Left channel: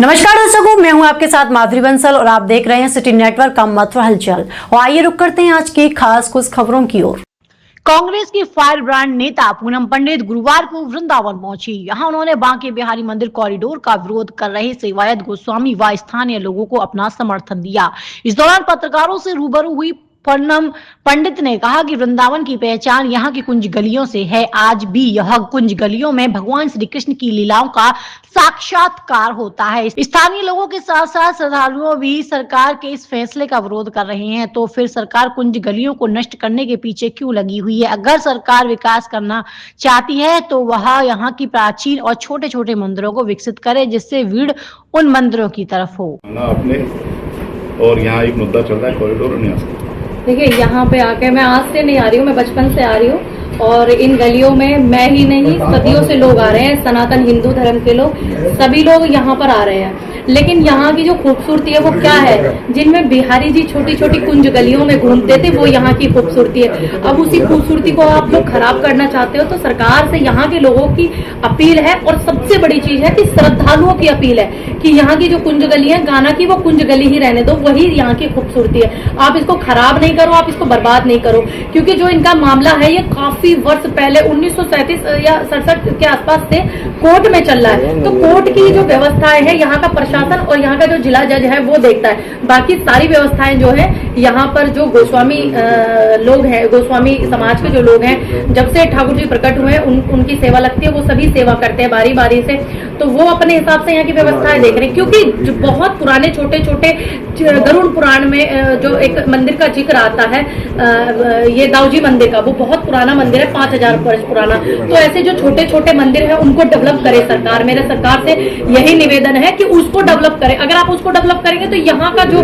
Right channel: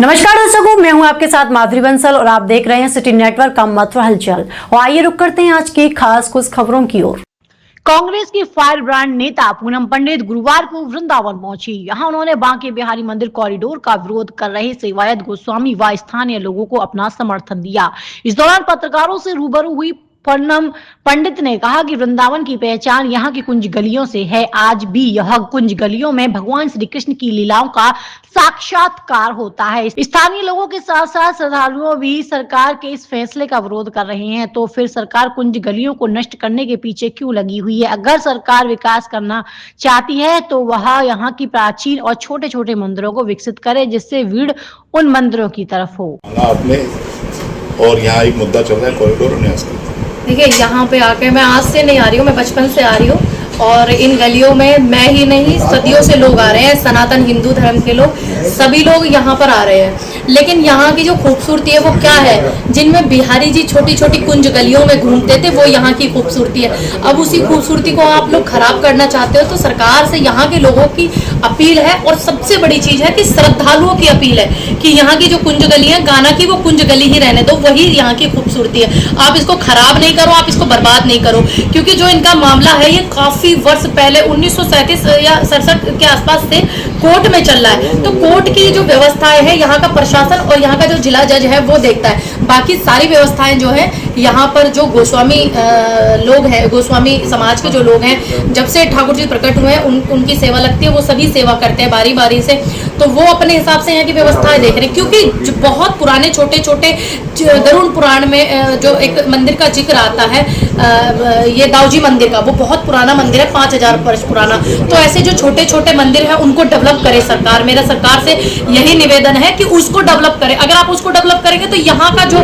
नमस्कार दर्शकों, मैं हूं आपके साथ माधुरी बंसल और आप देख रहे हैं सिटी नेटवर्क का मथुरा हलचल। और आइए रुक करते हैं आज की खास कुछ खबरों की ओर। कांग्रेस की फायर ब्रांड नेता पूनम पंडित गुरुवार को वृंदावन पहुंची। यहां उन्होंने बांके बिहारी मंदिर कॉरिडोर का विरोध कर रहे सेवायत गोस्वामी व स्थानीय लोगों को अपना समर्थन दिया। इस दौरान पत्रकारों से रूबरू हुई पूनम पंडित ने कहा कि वृंदावन की पहचान यहाँ की कुंज गलियों से है। आज भी यह कुंज गलियों में भगवान श्री कृष्ण की लीलाओं का साक्षात्कार होता है। स्थानीय लोगों के साथ साथ श्रद्धालुओं भी सरकार के इस फैसले का विरोध कर रहे हैं। तो फिर सरकार कुंज गलियों को नष्ट करने के पीछे क्यों लगी हुई है? अगर सरकार विकास करना चाहती है तो वह यहाँ की प्राचीन और छोटे छोटे मंदिरों को विकसित करे, जिससे भीड़ उन मंदिरों की तरफ हो। और यहाँ एक मुद्दा चल रहा है कॉरिडोर न्यास का। देखिए, यहाँ पे आके मैं आज से नहीं आ रही हूँ, मैं बचपन से आ रही हूँ और इन गलियों में मैं ही नहीं सदियों से लोग आ रहे हैं। सनातन हिंदू धर्म के लोग सभी लोग यहाँ पर आ रहे हैं। लेकिन यहाँ की जो खूबसूरती है वो क्या है, जिनमें बिहारी जी छोटी छोटी कुंज गलियों में घूमते थे, वो यहाँ की खूबसूरती है। अब उसी खूबसूरती को आप लोग खराब करना चाहते हो। तो सरकार से यहाँ के लोगों की अपील है और सबसे बड़ी चीज है कि श्रद्धालुओं की अपील है कि यहाँ की जो कुंज गली है, गाना की वो कुंज गली ही रहने दो, वही यहाँ की खूबसूरती है। आप इसको खराब नहीं करो, आप इसको बर्बाद नहीं करो, क्योंकि जो इनका मामला है ये काफी वर्ष पहले 1937 या 67 के आसपास से कोर्ट में चल रहा है। तो कोर्ट की जो व्यवस्थाएं है, यहाँ का प्रशासन और यहाँ का जो जिला जज है वो देखता है। बाकी सारी व्यवस्थाएं जो है यहाँ पर जो गोस्वामी लोग हैं, गोस्वामी समाज के जो लोग हैं, जब से ठाकुर जी प्रकट हुए हैं उनकी सेवा लगती है, वो सभी सेवा करते हैं बारी बारी से। तो वो अपने हिसाब से यहाँ की व्यवस्थाएं देख रहे हैं, क्योंकि जो बहुत पुराने छोटे छोटे गरुड़ पुराण में जो एक मंदिर का जिक्र आता है, ये दाऊजी मंदिर का, वो बहुत पुराना मंदिर है, 5000 वर्ष पुराना। तो ऐसे जो छोटे छोटे मंदिर हैं उनको डेवलप करे सरकार। मेरा सरकार से यही निवेदन है कि उसको डेवलप करें। अगर आप उसको डेवलप करेंगे तो यहाँ का जो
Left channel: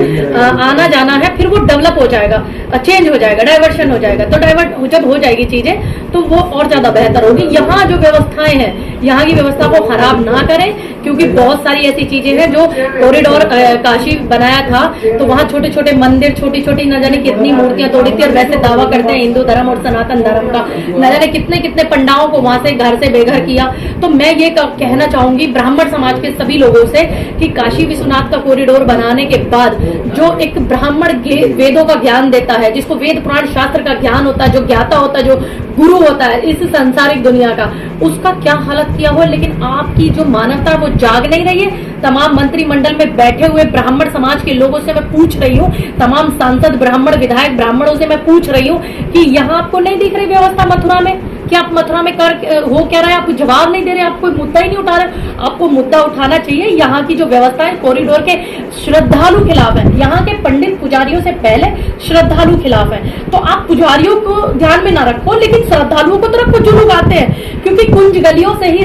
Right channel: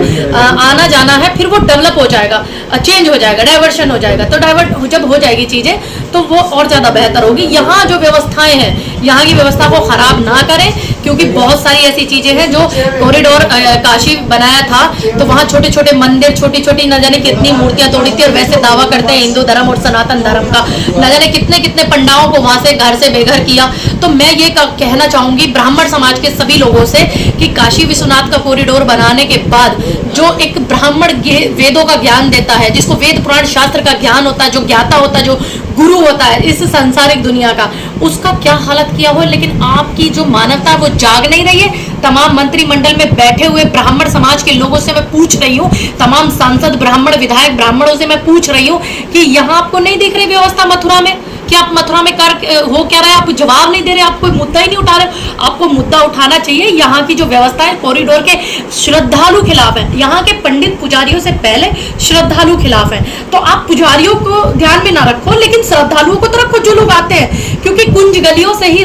आना जाना है फिर वो डेवलप हो जाएगा, चेंज हो जाएगा, डाइवर्शन हो जाएगा। तो डाइवर्ट जब हो जाएगी चीजें तो वो और ज्यादा बेहतर होगी। यहाँ जो व्यवस्थाएं हैं, यहाँ की व्यवस्था को खराब ना करें, क्योंकि बहुत सारी ऐसी चीजें हैं जो कॉरिडोर काशी बनाया था तो वहाँ छोटे छोटे मंदिर, छोटी छोटी न जाने कितनी मूर्तियां तोड़ी थी। और वैसे दावा करते हैं हिंदू धर्म और सनातन धर्म का, न जाने कितने कितने पंडाओं को वहां से घर से बेघर किया। तो मैं ये कहना चाहूंगी ब्राह्मण समाज के सभी लोगों से कि काशी विश्वनाथ का कॉरिडोर बनाने के बाद जो एक ब्राह्मण वेदों का ज्ञान देता है, जिसको वेद पुराण शास्त्र का ज्ञान होता है, जो ज्ञाता होता है, जो गुरु होता है इस सांसारिक दुनिया का, उसका क्या हालत किया हुआ। लेकिन आपकी जो मानवता वो जाग नहीं रही है। तमाम मंत्रिमंडल में बैठे हुए ब्राह्मण समाज के लोगों से मैं पूछ रही हूँ, तमाम सांसद ब्राह्मण विधायक ब्राह्मणों से मैं पूछ रही हूँ कि यहाँ आपको नहीं दिख रही व्यवस्था मथुरा में, कि आप मथुरा में कर हो क्या रहे हैं? आप जवाब नहीं दे रहे, आप कोई मुद्दा ही नहीं उठा रहे। आपको मुद्दा उठाना चाहिए। यहाँ की जो व्यवस्था है कॉरिडोर के श्रद्धालु खिलाफ है, यहाँ के पंडित पुजारियों से पहले श्रद्धालु खिलाफ है। तो आप पुजारियों को ध्यान में ना रखो, लेकिन श्रद्धालुओं को तो रखो जो लोग आते हैं, क्योंकि कुंज गलियों से ही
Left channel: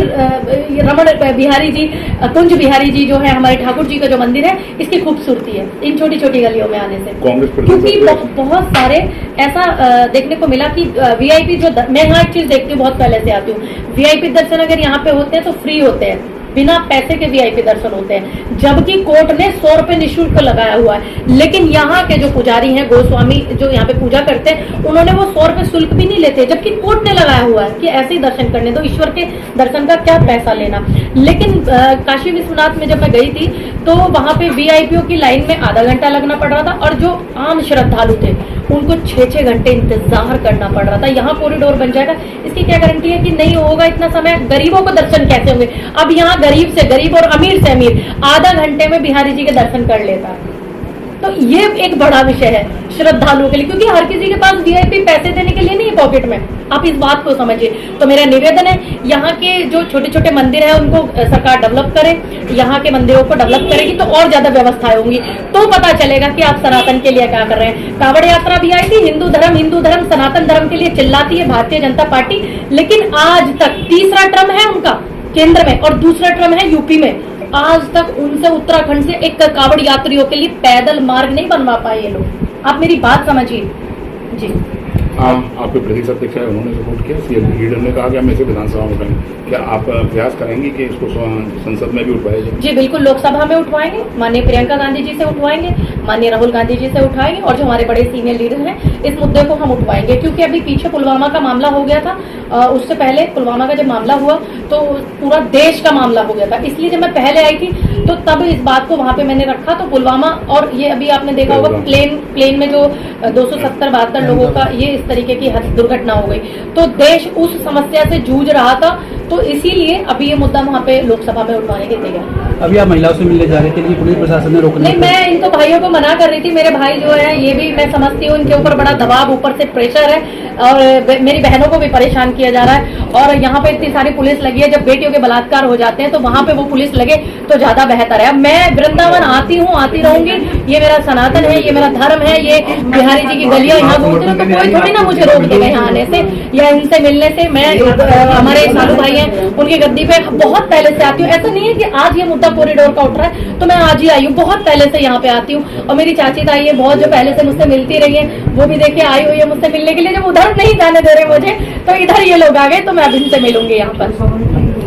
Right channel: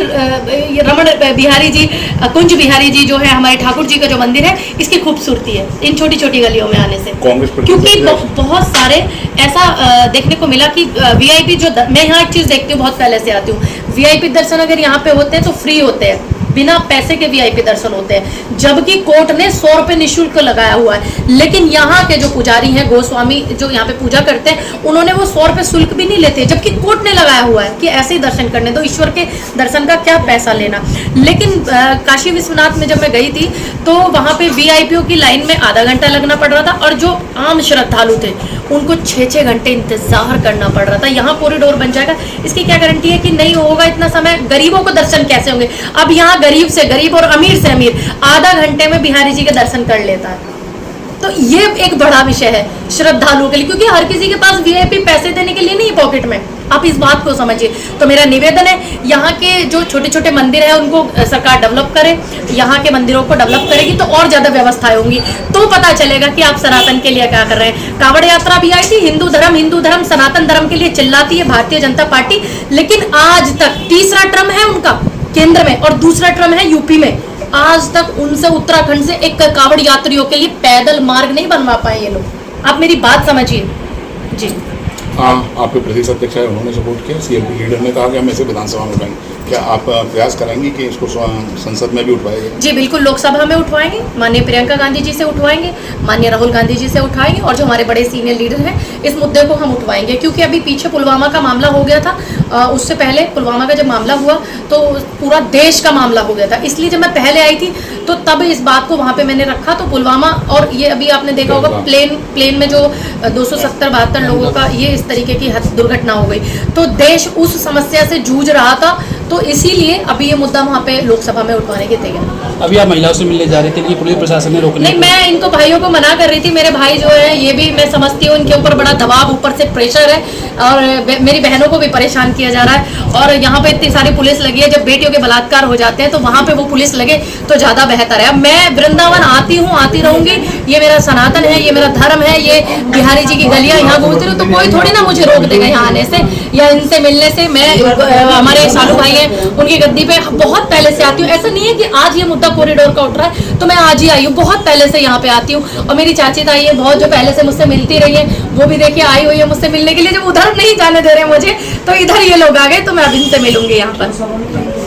रमण बिहारी जी, कुंज बिहारी जी जो है हमारे ठाकुर जी का जो मंदिर है, इसकी खूबसूरती है इन छोटी छोटी गलियों में आने से। क्योंकि बहुत सारे ऐसा देखने को मिला कि वीआईपी जो, मैं यहाँ एक चीज देखती हूँ, बहुत पहले से आती हूँ, वीआईपी दर्शन अगर यहाँ पे होते हैं तो फ्री होते हैं, बिना पैसे के वीआईपी दर्शन होते हैं, जबकि कोर्ट ने 100 रुपए निःशुल्क लगाया हुआ है। लेकिन यहाँ के जो पुजारी हैं, गोस्वामी जो यहाँ पे पूजा करते हैं, उन्होंने वो 100 रुपए शुल्क भी नहीं लेते, जबकि कोर्ट ने लगाया हुआ है कि ऐसे ही दर्शन करने दो, ईश्वर के दर्शन का क्या पैसा लेना। लेकिन काशी विश्वनाथ में जब मैं गई थी तो वहाँ पे वीआईपीओ की लाइन में आधा घंटा लगना पड़ रहा था, और जो आम श्रद्धालु थे उनको 6-6 घंटे इंतजार करना पड़ रहा था। यहाँ कॉरिडोर बन जाएगा, इसकी क्या गारंटी है कि नहीं होगा इतना समय? गरीबों को दर्शन कैसे होंगे? अब यहाँ गरीब से गरीब और अमीर से अमीर आधा घंटे में बिहारी जी के दर्शन कर लेता है। तो ये एक बड़ा विषय है श्रद्धालुओं के लिए, क्योंकि हर किसी के पास वीआईपी पैसे देने के लिए नहीं पॉकेट में। आप इस बात को समझिए। तो मेरा निवेदन है, यहाँ के जो छोटे छोटे मंदिर है उनको सरकार डेवलप करे, यहाँ के मंदिरों को डेवलप करेगी तो और ज्यादा व्यवस्थाएं होंगी, तो पता चलेगा कि आप सनातन के लिए क्या कर रहे हैं। कांवड़ यात्रा भी आई थी, हिंदू धर्म सनातन धर्म के लिए चिल्लाती है भारतीय जनता पार्टी, लेकिन आज तक तीसरा टर्म है उनका केंद्र में और दूसरा टर्म है यूपी में, आज तक उनसे उत्तराखंड से एक कांवड़ यात्रियों के लिए पैदल मार्ग नहीं बनवा पाए ये लोग। आप मेरी बात समझिए जी। आपके प्रदेश अध्यक्ष है, उन्होंने सपोर्ट किया, सीएम लीडर ने कहा कि हम ऐसे विधानसभा में लाएंगे। क्या आप प्रयास करेंगे कि इसको संसद में भी उठवाया जाए? जी बिल्कुल, लोकसभा में उठवाएंगे, माननीय प्रियंका गांधी जी से उठवाएंगे, माननीय राहुल गांधी जी से उठाएंगे और जो हमारे बड़े सीनियर लीडर हैं इस मुद्दे को हम उठवाएंगे। क्योंकि अभी पीछे पुलवामा का मामला हो गया था, उससे पहले पुलवामा का जब मामला हुआ तो पूरा देश का मामला हो गया था, इसलिए जब मैं पहले आई थी तो तब इस बात को वहाँ पे मैंने रखा। तो पुलवामा और ये अभी आपने देखा होगा प्लेन में जो 270-72 लोगों का ये इस तरीके की दुर्घटना हो गई, तो देश उस समस्या से जूझ रहा था, तो इसीलिए अभी ये मुद्दा वहाँ पे लोकसभा में उठवाने के तैयार। अभी आप महिलाओं से मिलने जा रहे थे, लेकिन पुलिस प्रशासन ने रोकने नहीं, मैं इनको भाइयों को मना कर रही थी। मेरे भाई जो है ये भी मैं समझती हूँ, इनके ऊपर बड़ा दबाव, ऊपर से प्रेशर है और मेरी बहनों को भी परेशान किया जा रहा है। और यहाँ पे इतनी सारी पुलिस लगी है, जब बेटियों के बलात्कार हो जाते हैं तो वहाँ पे वो पुलिस लगे तो ज्यादा बेहतर है। मैं वृंदावन आती हूँ, आती रहूंगी, ये मेरा सनातन है, ये मेरा धर्म है, ये बिहारी जी की गलियां यहाँ घूमती हूँ, तो कोई थोड़ी ना मुझे रोक देगा यहाँ आने से या इनसे मिलने से। मैं हमारे सालू भाई हैं, उनकी गद्दी पे बहुत पहले से आती हूँ। ऐसा नहीं है कि आज ये मुद्दा कॉरिडोर का उठ रहा है तो मैं आज ही आई हूँ, बहुत पहले से यहाँ पे आती हूँ। और मेरी चाची ताई है बहुत, जो पहले से मुझसे मिलती रही है, वो भी देखिए आई हुई है मुझसे मिलने के लिए। जब उधर नहीं जाने दे रहे मुझे तो इधर ये लोग आ गए, तो मैं अब इनसे मिलूंगी यहाँ पर।